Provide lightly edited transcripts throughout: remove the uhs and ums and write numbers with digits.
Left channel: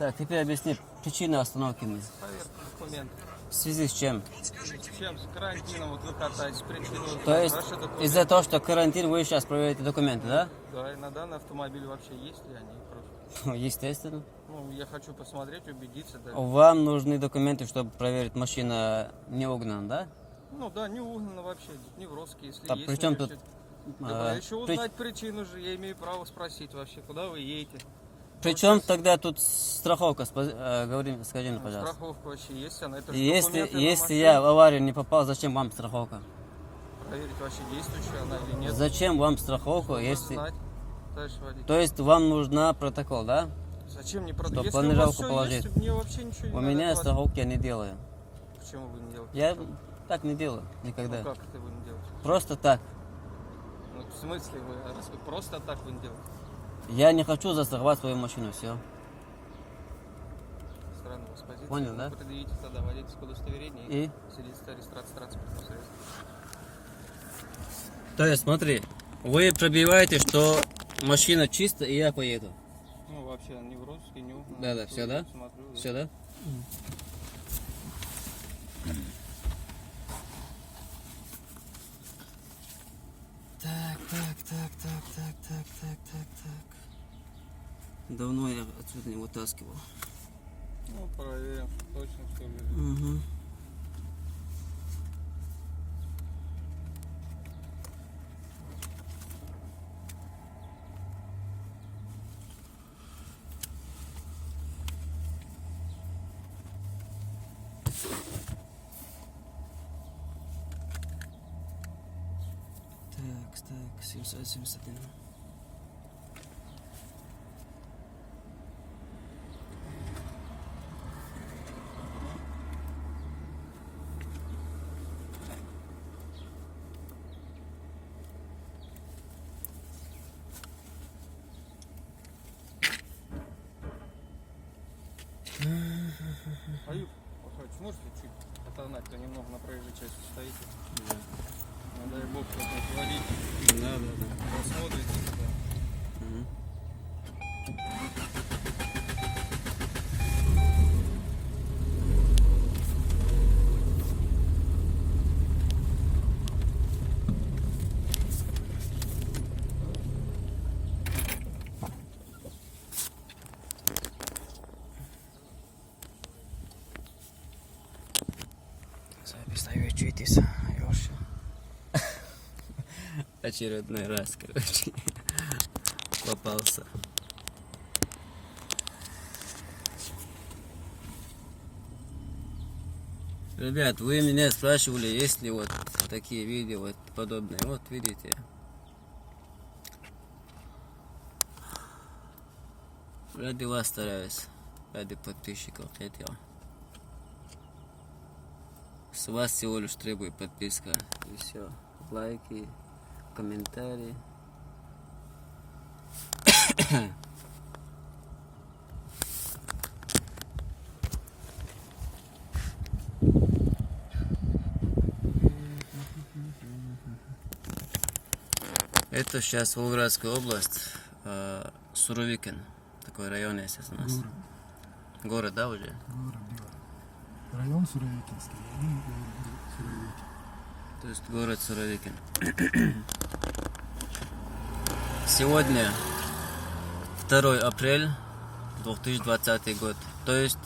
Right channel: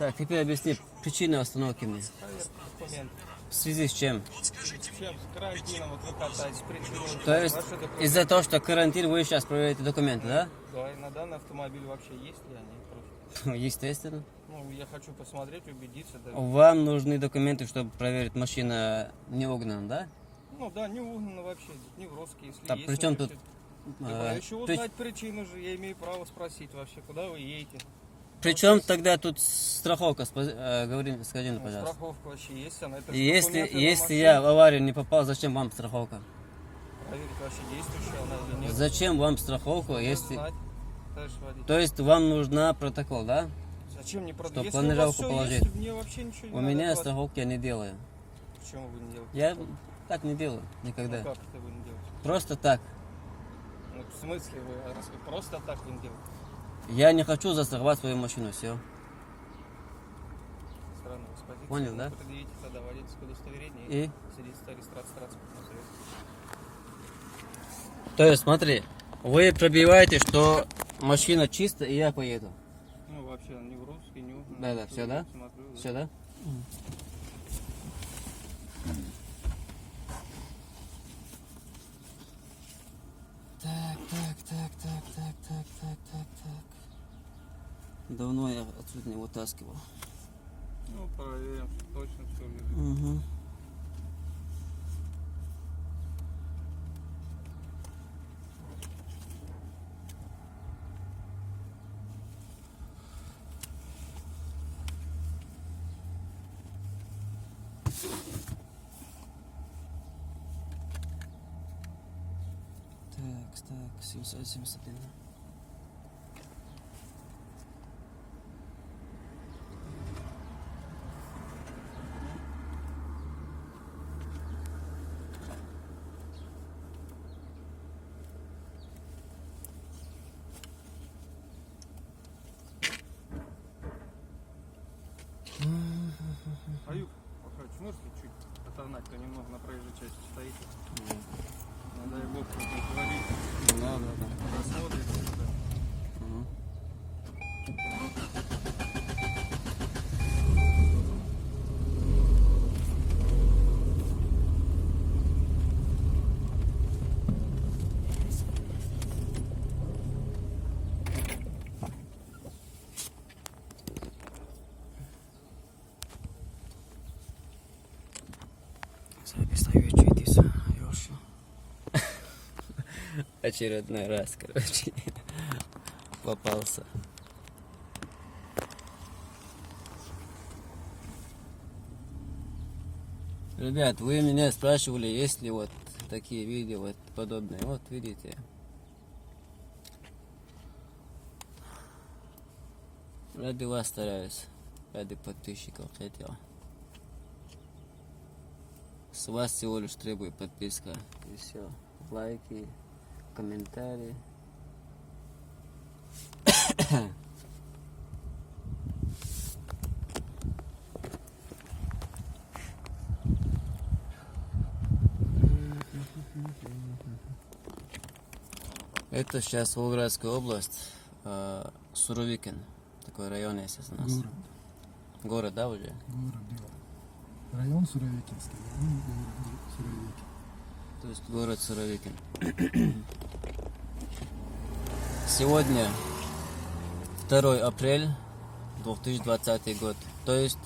Так, теперь объясни причину остановки мне. Проверка документов. В связи с чем? Чем? С карантином вот вы катаетесь, причину. То есть Ваши документы. из-за того, что карантин, вы сейчас проверяете документы, да? Да, и на данный автомобиль вообще есть ли они просто. Ну, естественно. Ну, я хочу посмотреть, убедиться. Да. Вам нужны документы, чтобы проверить, машина не угнана, да? Ну да, не угнано вообще, не в розыске, если Так, есть. при чем значит, тут, давай еще при- узнать причину же, я имею право спросить вообще, куда вы едете. Причем тогда тут страховка, скажи мне, пожалуйста. Страховка вообще есть, она это же Если, документы на если машину. я в аварию не попал, зачем вам страховка? Проверить вообще действующая она или нет. Зачем вам страховка, Чтобы если... знать, товарищ водитель. То есть вам нужна протокол, да? Зачем мне Чтоб продать? Если у планировку вас все положить. есть, мне вообще ничего не У надо меня делать. страховки я не делаю. Почему вы не делаете? Я так не делаю никогда. Ну как это вы не делаете? Просто так. Ну, в смысле вы, раз вы просто так вы не делаете? Я не хочу застраховать свою машину, все. Странно, господин. Понял, да? Вы предъявите тогда водительское удостоверение И? свидетельство о регистрации транспортного средства. То есть, смотри, вы пробиваете, что машина чистая, и я поеду. Ну, вообще, не в розыске, не угнано. Да-да, все, да? Смотрю, да. Все, да? Так. Давно я отсюда не вытаскивал. Ну, проверим, точно все лежит. Угу. Так, 771. Аюб, Пахач, можете чуть отогнать, то немного на проезжей части стоите? Да. Не дай бог, кто-нибудь водитель Да. посмотрит. Да. Мгм. Запись читис, Ёша. Очередной раз, короче, попался. Ребят, вы меня спрашивали, есть ли вот такие видео, вот подобные. Вот видите. Ради вас стараюсь, ради подписчиков хотел. С вас всего лишь требую подписка. И все. Лайки, комментарии. Это сейчас Волгоградская область, Суровикин. Такой район есть у нас. Город. Город, да, уже? Город, да. Район Суровикинский. Суровикин. То есть город Суровикин. Сегодня 2 апреля 2020 год. То есть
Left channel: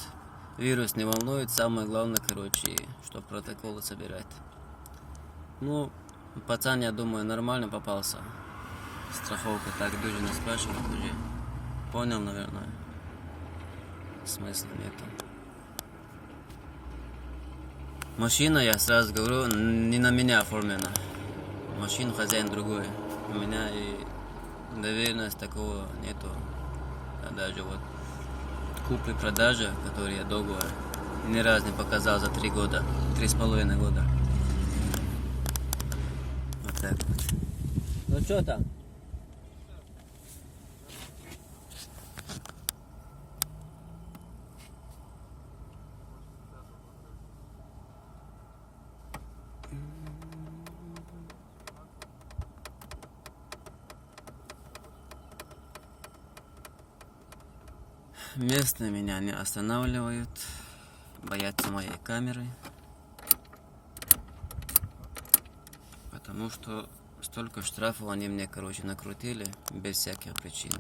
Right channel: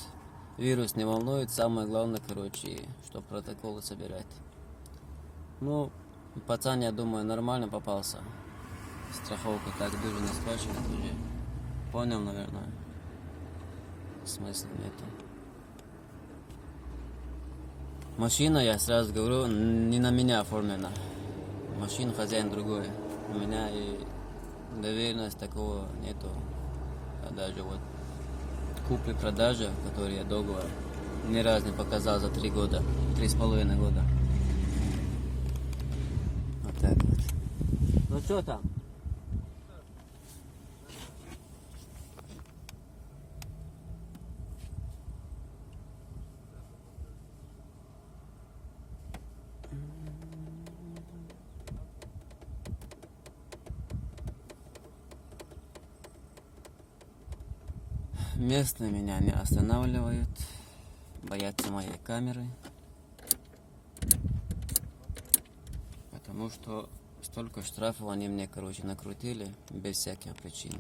вирус не волнует. Самое главное, короче, что протоколы собирать. Ну, пацан, я думаю, нормально попался. Страховка так Дюжина спрашивает уже. Понял, наверное. Смысла нету. Машина, я сразу говорю, не на меня оформлена. Машина хозяин другой. У меня и доверенность такого нету. А даже вот купли-продажи, которые я договор, ни разу не показал за 3 года, 3,5 года. Вот так вот. Ну что там? местные меня не останавливают, боятся моей камеры, потому что столько штрафов они мне, короче, накрутили без всяких причин.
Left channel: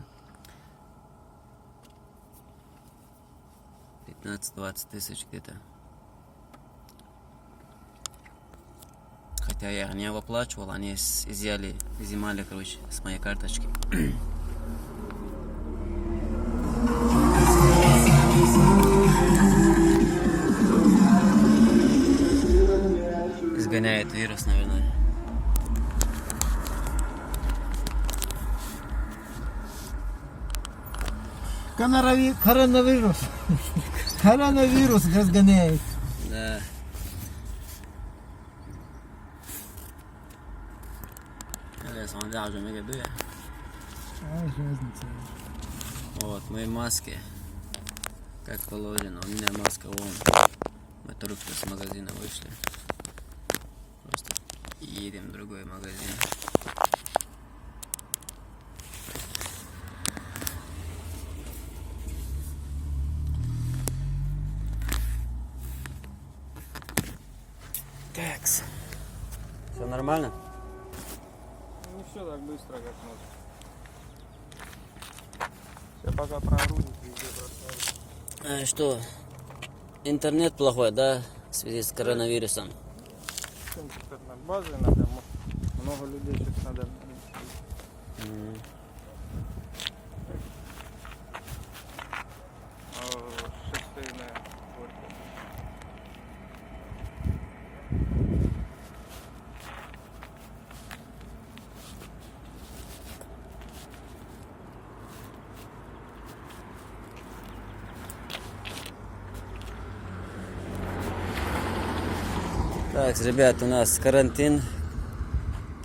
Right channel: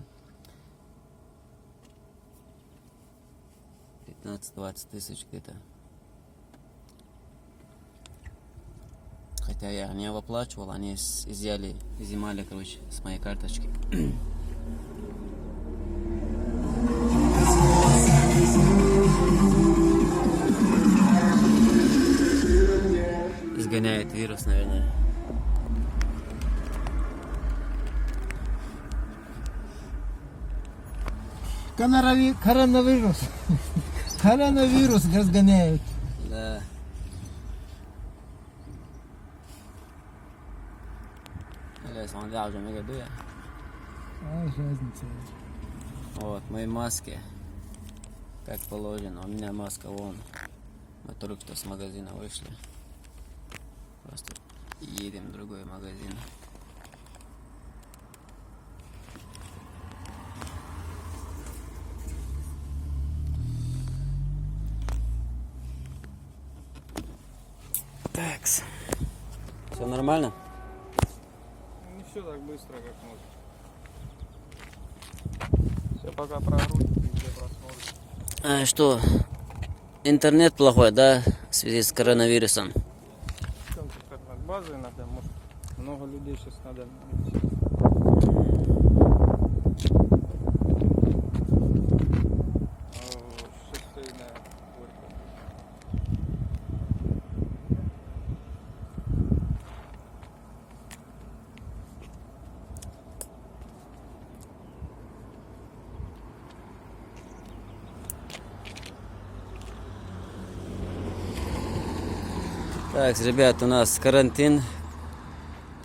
15-20 тысяч где-то. Хотя я не оплачивал, они изъяли, короче, с моей карточки. Изгоняет вирус, наверное. Коронавирус. Коронавирус разгоняет. Да. Смотря уже мега дуя. А, разница. Вот, мои маски. Как положено. У меня маска вон. Мы только что с магазина вышли. Просто едем в другой магазин. Так. Все нормально? Не все так быстро, как может. Я пока проруль, везде просмотрю. Что? Интернет плохой, да? В связи с коронавирусом. Чем тут над базой надо? Может, много людей сейчас надо. Шестейная горько. Так, ребят, у нас карантин.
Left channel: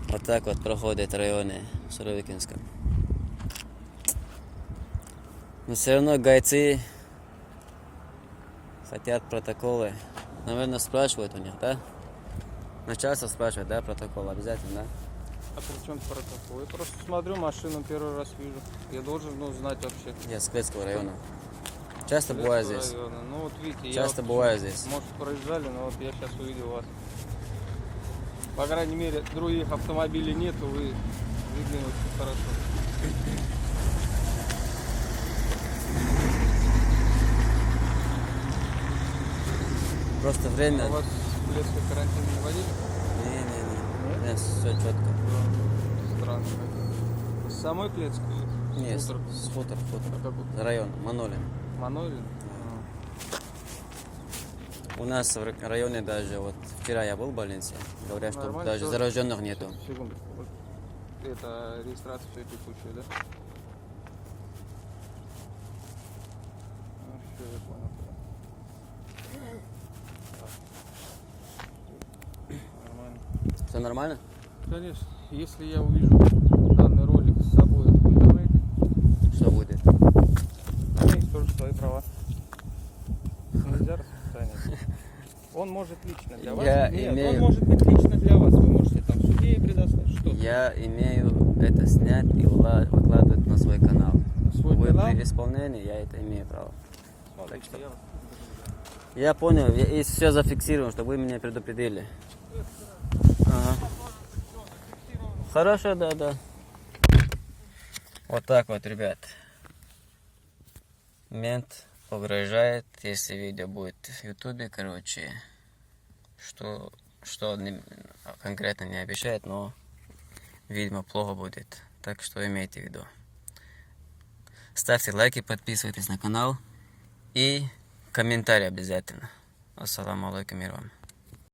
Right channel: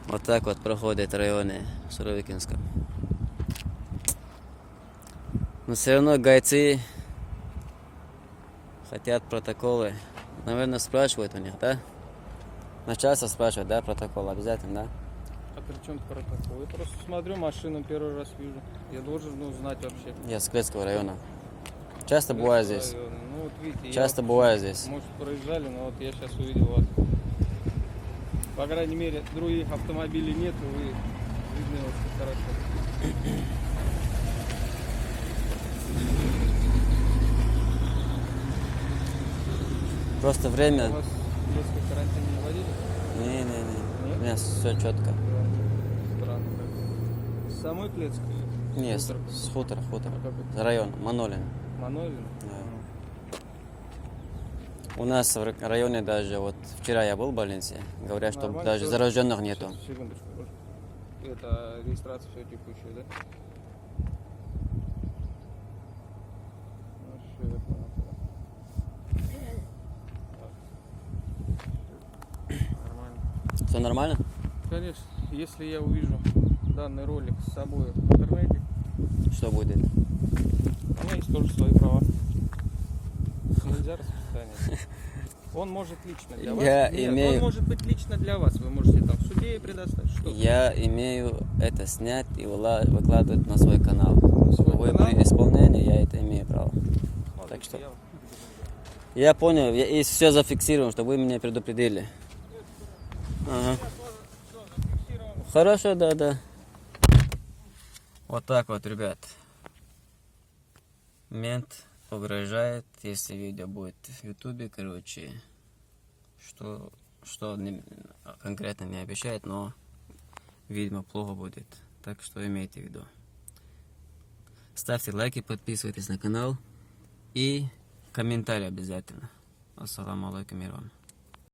Вот так вот проходит районы в Суровикинском. Но все равно гайцы хотят протоколы. Наверное, спрашивают у них, да? Начальство спрашивает, да, протокол обязательно, да? А при чем протокол? Я просто смотрю машину, первый раз вижу. Я должен знать вообще. Я с Кветского района. Часто бываю здесь. Района. Ну вот видите, Часто я бываю здесь. может проезжали, но вот я сейчас увидел вас. По крайней мере, других автомобилей нету, вы видны очень хорошо. Просто время. У вас Клецкий карантин не вводили? Не-не-не. Нет? У меня все четко. Странно. С самой Клецкой? Нет, Хутор? с хутор. Какой? Район, Манолин. Манолин? У нас в районе даже, вот вчера я был в больнице, говорят, что Нормально, даже всё. зараженных нету. Сейчас, секундочку. Это регистрация все текущая, да? Ну, все, я понял. Нормально. Все нормально? Конечно, если я увижу данный ролик с собой, понимаете, Что будет? у меня есть тоже свои права. Нельзя распространять. Он может лично для вас. Я Нет, имею- он может быть лично для вас. Вы можете так судье и предоставить. Что? Я имею это снять и выкладывать на свой канал. Свой Вы канал? при исполнении, я это имею право. Смотрите, так что- я вас- Я понял, и все зафиксируем, чтобы вы меня предупредили. Ага. Хорошо, да. Вот так вот, ребят. Мент угрожает, если видео будет в ютубе, короче, что конкретно не обещает, но, видимо, плохо будет. Так что имейте в виду. Ставьте лайки, подписывайтесь на канал и комментарий обязательно. Ассаламу алейкум, мир вам.